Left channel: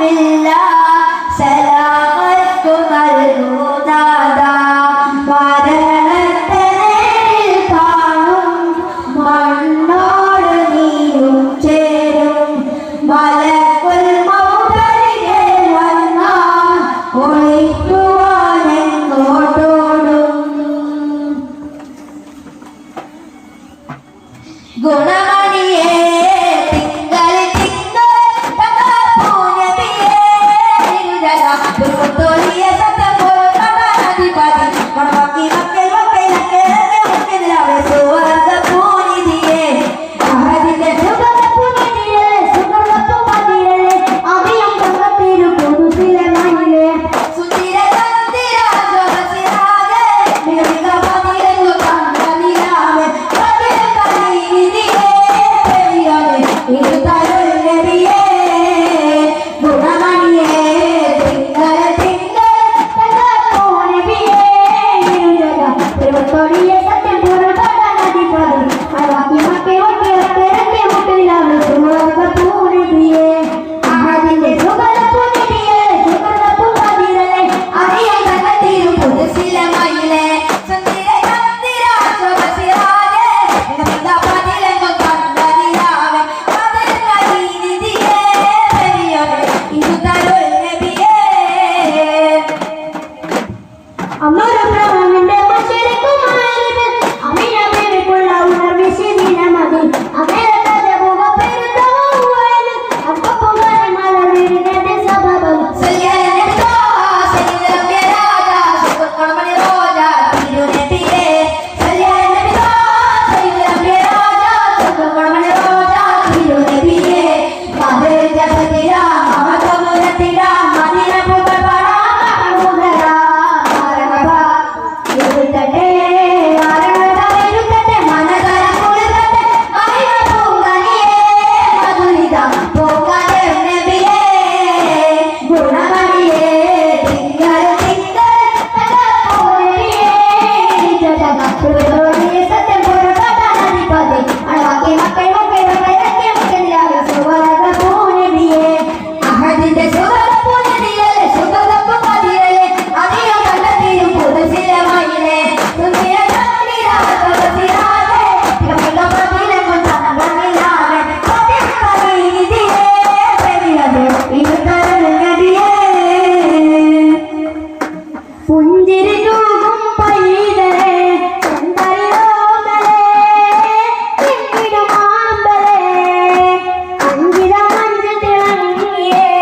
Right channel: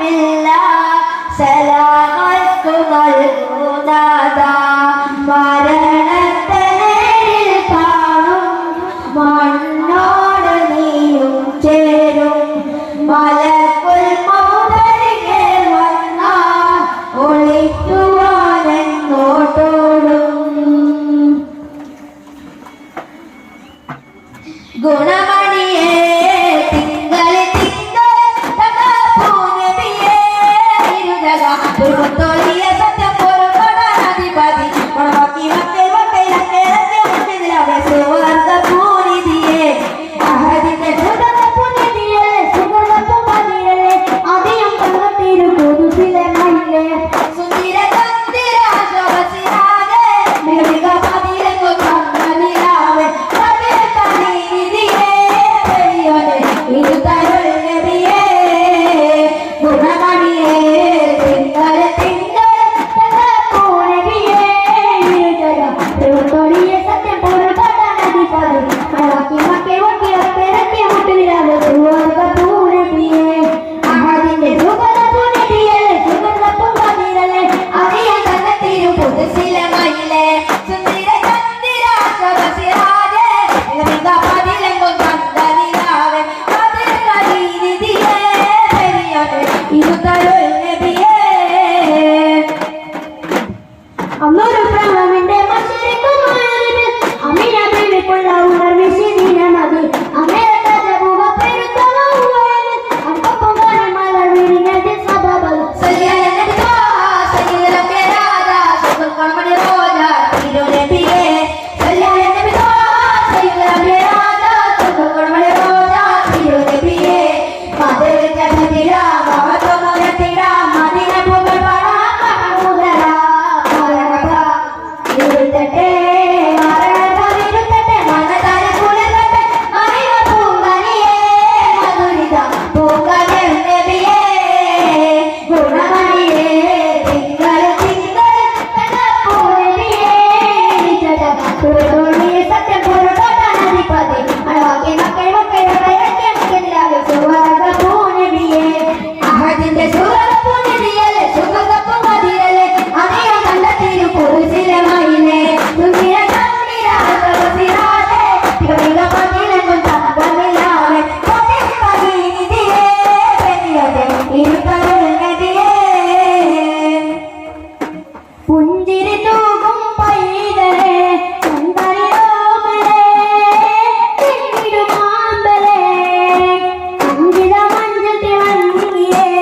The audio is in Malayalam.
യൗമില്ല സലാമത്തു നൽകുന്നത മരണത്തെ നേരിൽ കാണും. മണ്ണോട് നീയും ചേരും. മലക്കുൽ മൗതരികെ വന്നാൽ ഒളിക്കുവാൻ എങ്ങോട്ടോടും ഗുണമണിയേ അമ്മ ഒരു ഭ്രമമുണ്ട് മറ്റൊരു